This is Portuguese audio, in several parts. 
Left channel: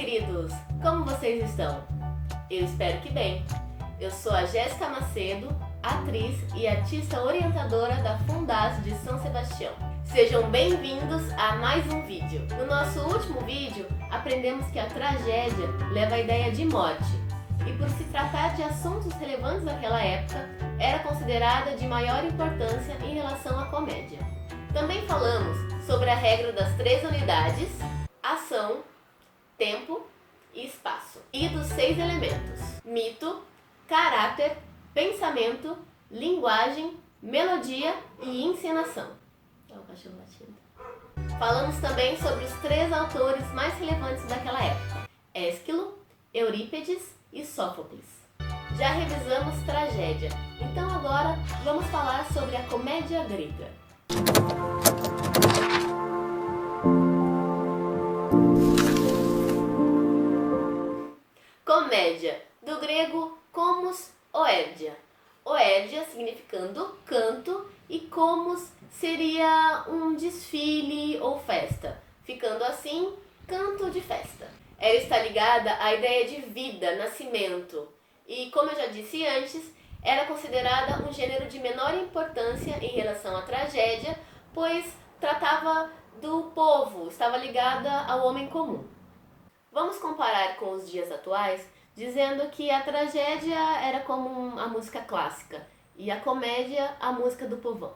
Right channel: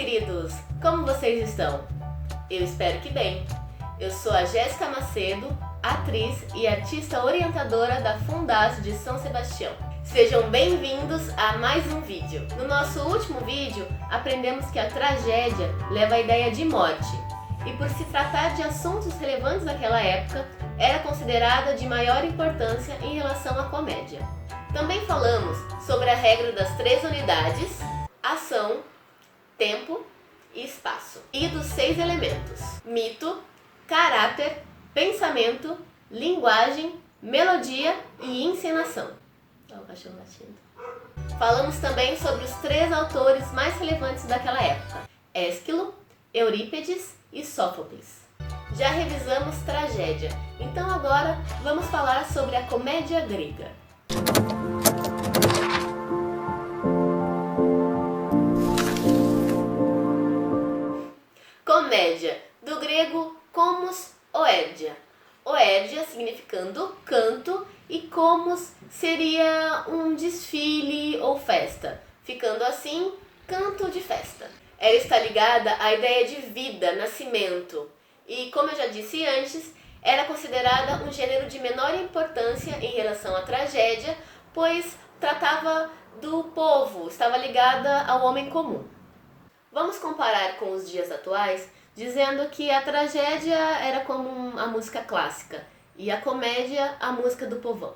queridos! Como vocês estão? Eu espero que bem. Eu sou a Jéssica Macedo, atriz e artista orientadora da Fundação de São Sebastião. Sejam bem-vindos a mais um vídeo. No nosso último vídeo, aprendemos que a tragédia leva à ideia de morte e, por se tratar de assuntos relevantes daquela época, era considerada de maior importância em relação à comédia. Também falamos sobre a regra das 3 unidades: ação, tempo e espaço, e dos 6 elementos: mito, caráter, pensamento, linguagem, melodia e encenação. Olha o cachorro latindo. Falamos também sobre os 3 autores mais relevantes daquela época: Ésquilo, Eurípides e Sófocles. Já revisamos tragédia, então agora vamos falar sobre a comédia grega. Comédia, do grego komos, oédia. Oédia significando canto e komos seria um desfile ou festa, ficando assim, canto de festa. Ela está ligada à ideia de vida, nascimento, e como eu já disse antes, era considerada um gênero de menor importância em relação à tragédia, pois tratava do povo, estava ligada ao homem comum. Vamos comparar com os dias atuais, dizendo que a tragédia era como a música clássica e a comédia a música do povão.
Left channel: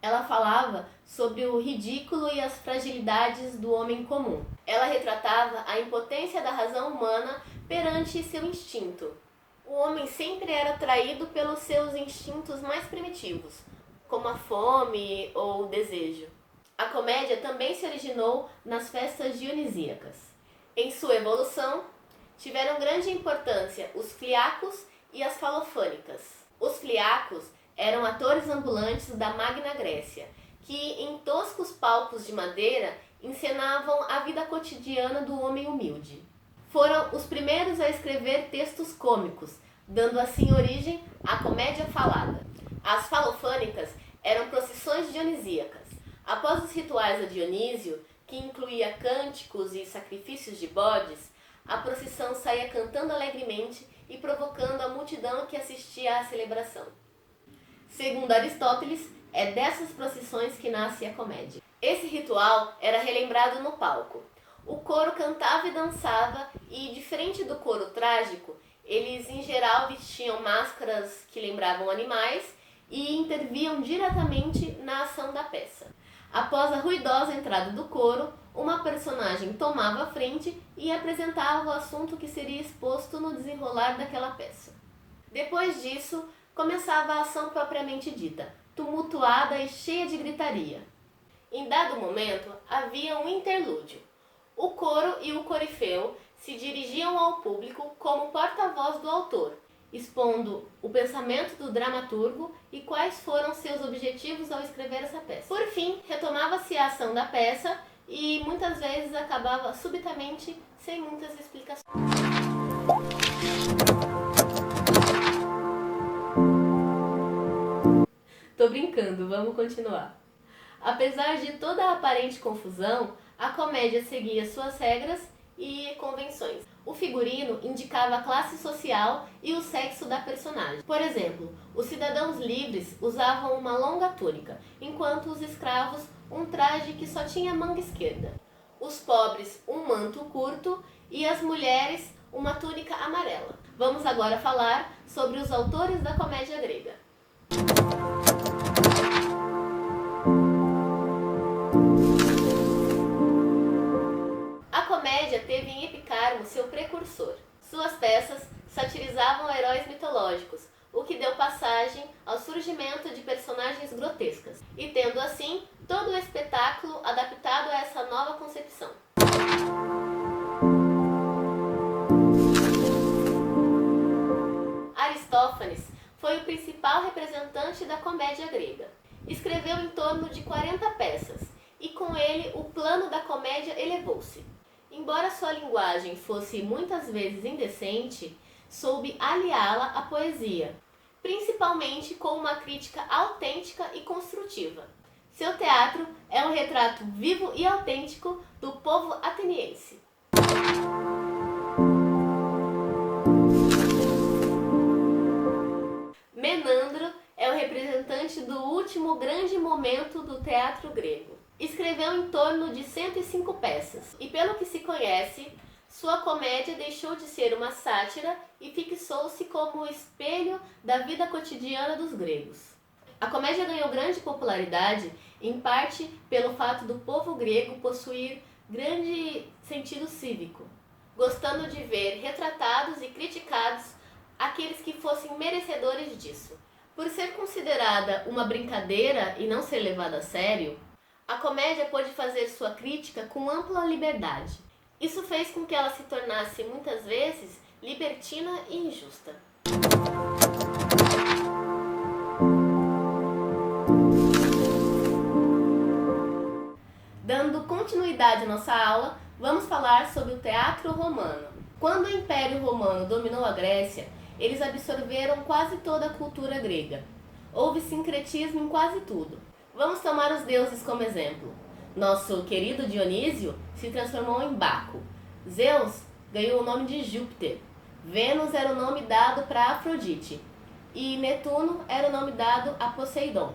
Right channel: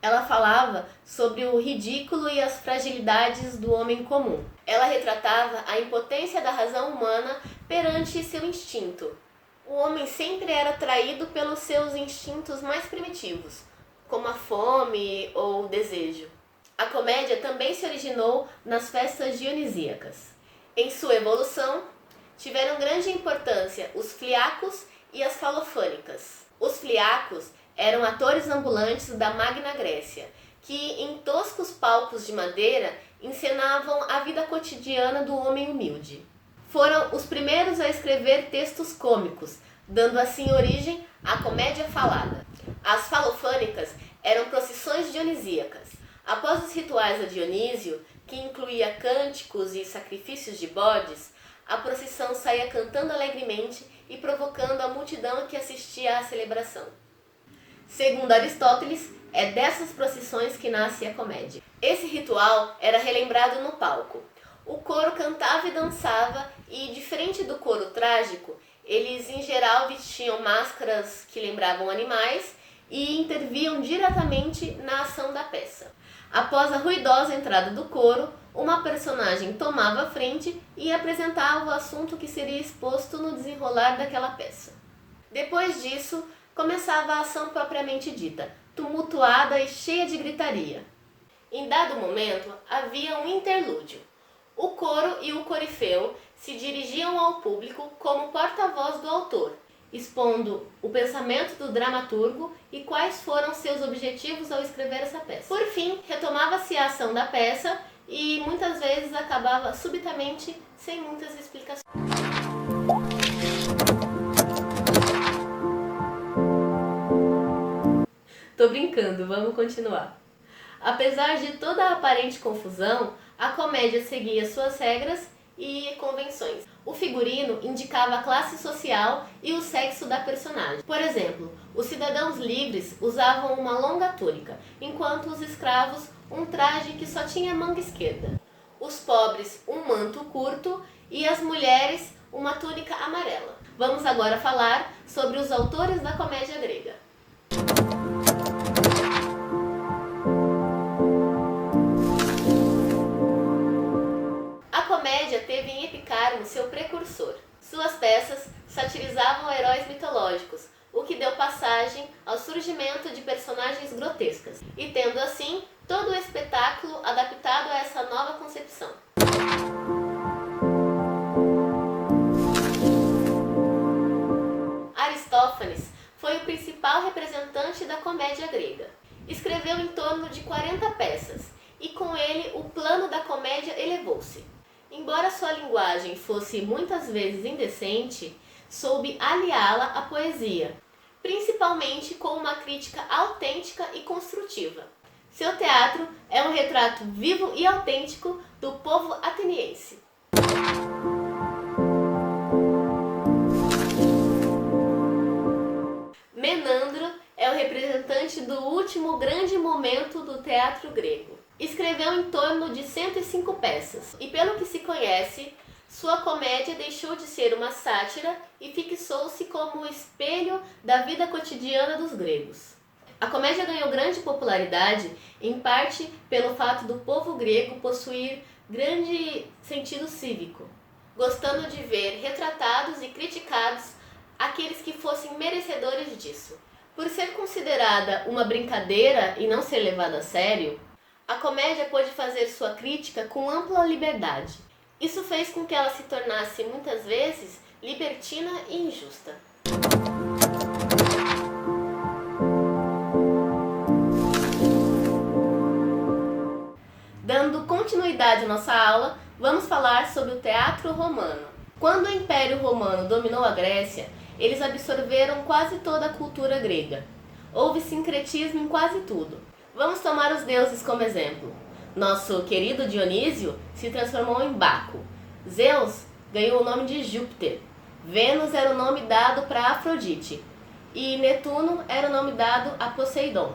Ela falava sobre o ridículo e as fragilidades do homem comum. Ela retratava a impotência da razão humana perante seu instinto. O homem sempre era atraído pelos seus instintos mais primitivos, como a fome ou o desejo. A comédia também se originou nas festas dionisíacas. Em sua evolução, tiveram grande importância os fliacos e as falofânicas. Os fliacos eram atores ambulantes da Magna Grécia, que em toscos palcos de madeira encenavam a vida cotidiana do homem humilde. Foram os primeiros a escrever textos cômicos, dando assim origem à comédia falada. As falofânicas eram procissões dionisíacas. Após os rituais a Dionísio, que incluía cânticos e sacrifícios de bodes, a procissão saía cantando alegremente e provocando a multidão que assistia à celebração. Segundo Aristóteles, é dessas procissões que nasce a comédia. Esse ritual era relembrado no palco. O coro cantava e dançava e, diferente do coro trágico, eles em geral vestiam máscaras que lembravam animais e interviam diretamente na ação da peça. Após a ruidosa entrada do coro, uma personagem tomava a frente e apresentava o assunto que seria exposto no desenrolar daquela peça. Depois disso, começava a ação propriamente dita, tumultuada e cheia de gritaria. Em dado momento, havia um interlúdio. O coro e o corifeu se dirigiam ao público como porta-voz do autor, expondo o pensamento do dramaturgo e quais foram seus objetivos ao escrever essa peça. Por fim, retomava-se a ação da peça e muitas vezes acabava subitamente sem muitas explicações. Tô brincando, vamos continuar. Apesar de toda a aparente confusão, a comédia seguia suas regras e convenções. O figurino indicava a classe social e o sexo da personagem. Por exemplo, os cidadãos livres usavam uma longa túnica, enquanto os escravos um traje que só tinha manga esquerda. Os pobres um manto curto e as mulheres uma túnica amarela. Vamos agora falar sobre os autores da comédia grega. A comédia teve em Epicarmo seu precursor. Suas peças satirizavam heróis mitológicos, o que deu passagem ao surgimento de personagens grotescas, e tendo assim todo o espetáculo adaptado a essa nova concepção. Aristófanes foi o principal representante da comédia grega. Escreveu em torno de 40 peças, e com ele o plano da comédia elevou-se. Embora sua linguagem fosse muitas vezes indecente, soube aliá-la à poesia, principalmente com uma crítica autêntica e construtiva. Seu teatro é um retrato vivo e autêntico do povo ateniense. Menandro é o representante do último grande momento do teatro grego. Escreveu em torno de 105 peças, e pelo que se conhece, sua comédia deixou de ser uma sátira e fixou-se como espelho da vida cotidiana dos gregos. A comédia ganhou grande popularidade, em parte pelo fato do povo grego possuir grande sentido cívico, gostando de ver retratados e criticados aqueles que fossem merecedores disso. Por ser considerada uma brincadeira e não ser levada a sério, a comédia pôde fazer sua crítica com ampla liberdade. Isso fez com que ela se tornasse, muitas vezes, libertina e injusta. Dando continuidade à nossa aula, vamos falar sobre o teatro romano. Quando o Império Romano dominou a Grécia, eles absorveram quase toda a cultura grega. Houve sincretismo em quase tudo. Vamos tomar os deuses como exemplo. Nosso querido Dionísio se transformou em Baco. Zeus ganhou o nome de Júpiter. Vênus era o nome dado para Afrodite. E Netuno era o nome dado a Poseidon.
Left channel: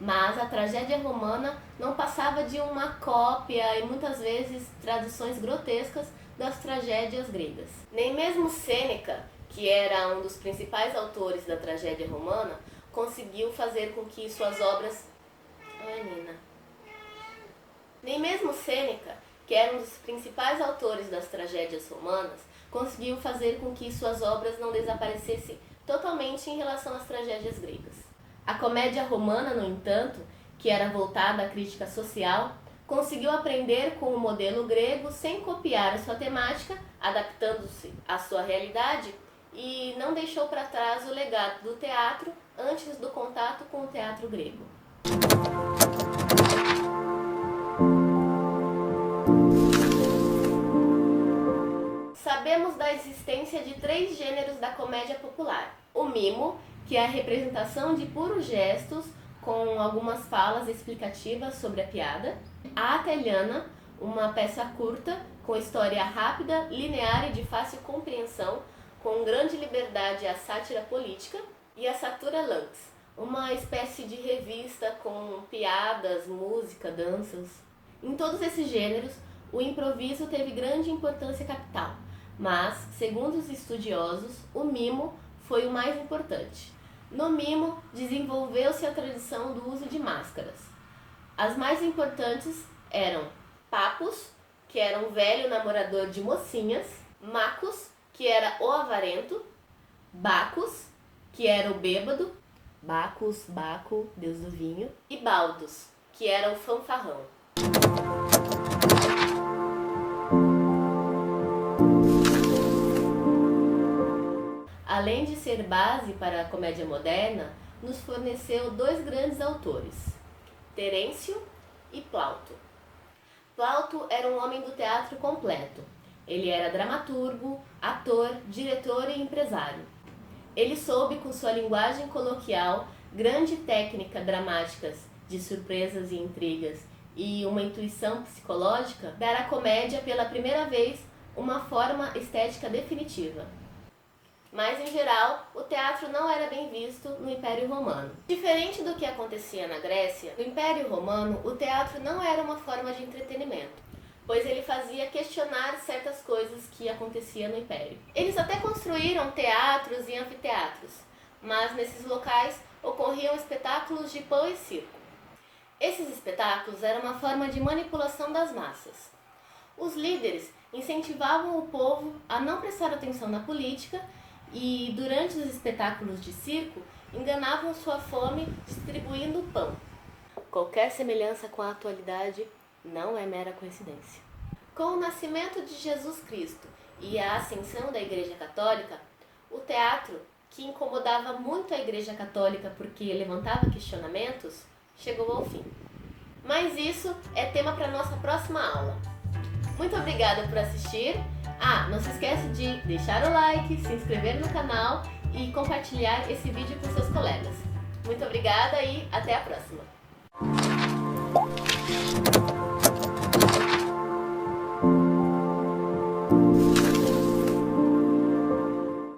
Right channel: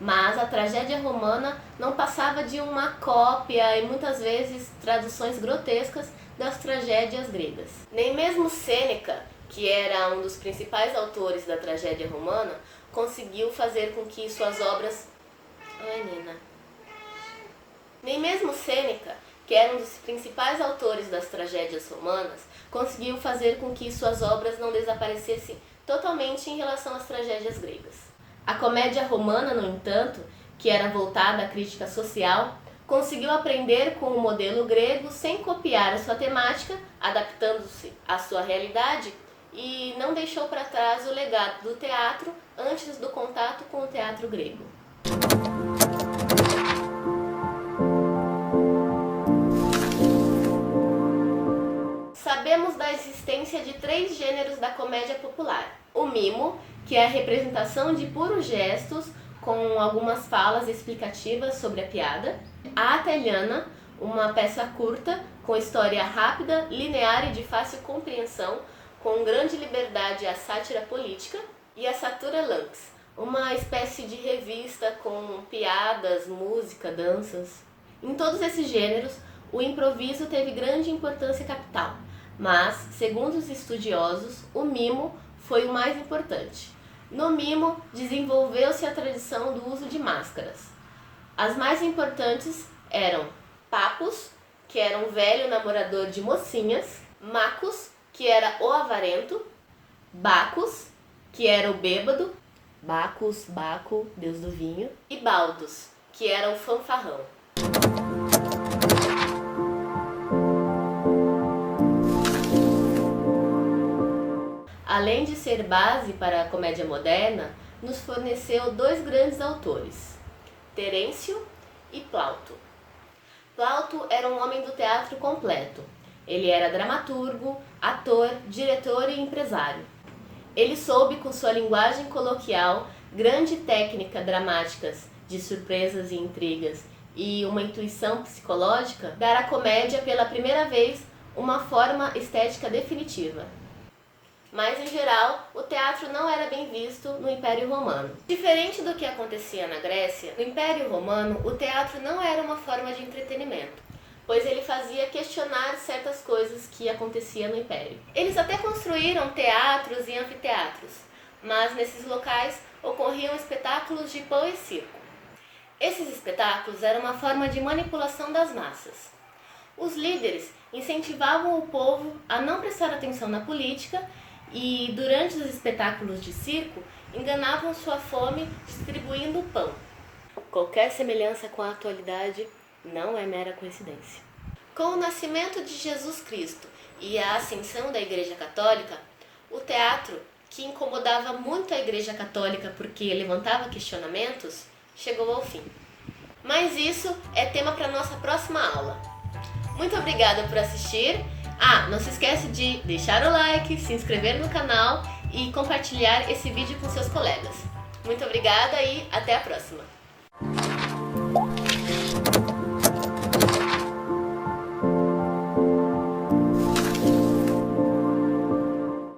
Mas a tragédia romana não passava de uma cópia e muitas vezes traduções grotescas das tragédias gregas. Nem mesmo Sêneca, que era um dos principais autores da tragédia romana, conseguiu fazer com que suas obras... Nem mesmo Sêneca, que era um dos principais autores das tragédias romanas, conseguiu fazer com que suas obras não desaparecessem totalmente em relação às tragédias gregas. A comédia romana, no entanto, que era voltada à crítica social, conseguiu aprender com o modelo grego sem copiar a sua temática, adaptando-se à sua realidade, e não deixou para trás o legado do teatro antes do contato com o teatro grego. Sabemos da existência de 3 gêneros da comédia popular. O mimo, que é a representação de puros gestos com algumas falas explicativas sobre a piada. A ateliana, uma peça curta com história rápida, linear e de fácil compreensão, com grande liberdade à sátira política. E a satura lanx, uma espécie de revista com piadas, música, danças. Em todos esses gêneros, o improviso teve grande importância capital, mas, segundo os estudiosos, o mimo foi o mais importante. No mimo, desenvolveu-se a tradição do uso de máscaras. As mais importantes eram Papus, que era um velho namorador de mocinhas, Macus, que era o avarento, Bacchus, que era o bêbado, Bacchus, Baco, deus do vinho, e Baldus, que era o fanfarrão. Além de ser base para a comédia moderna, nos forneceu 2 grandes autores, Terêncio e Plauto. Plauto era um homem do teatro completo. Ele era dramaturgo, ator, diretor e empresário. Ele soube, com sua linguagem coloquial, grande técnica dramáticas de surpresas e intrigas e uma intuição psicológica, dar à comédia pela primeira vez uma forma estética definitiva. Mas, em geral, o teatro não era bem visto no Império Romano. Diferente do que acontecia na Grécia, no Império Romano o teatro não era uma forma de entretenimento, pois ele fazia questionar certas coisas que aconteciam no Império. Eles até construíram teatros e anfiteatros, mas nesses locais ocorriam espetáculos de pão e circo. Esses espetáculos eram uma forma de manipulação das massas. Os líderes incentivavam o povo a não prestar atenção na política e, durante os espetáculos de circo, enganavam sua fome distribuindo pão. Qualquer semelhança com a atualidade não é mera coincidência. Com o nascimento de Jesus Cristo e a ascensão da Igreja Católica, o teatro, que incomodava muito a Igreja Católica porque levantava questionamentos, chegou ao fim. Mas isso é tema para nossa próxima aula. Muito obrigada por assistir. Não se esquece de deixar o like, se inscrever no canal e compartilhar esse vídeo com seus colegas. Muito obrigada e até a próxima!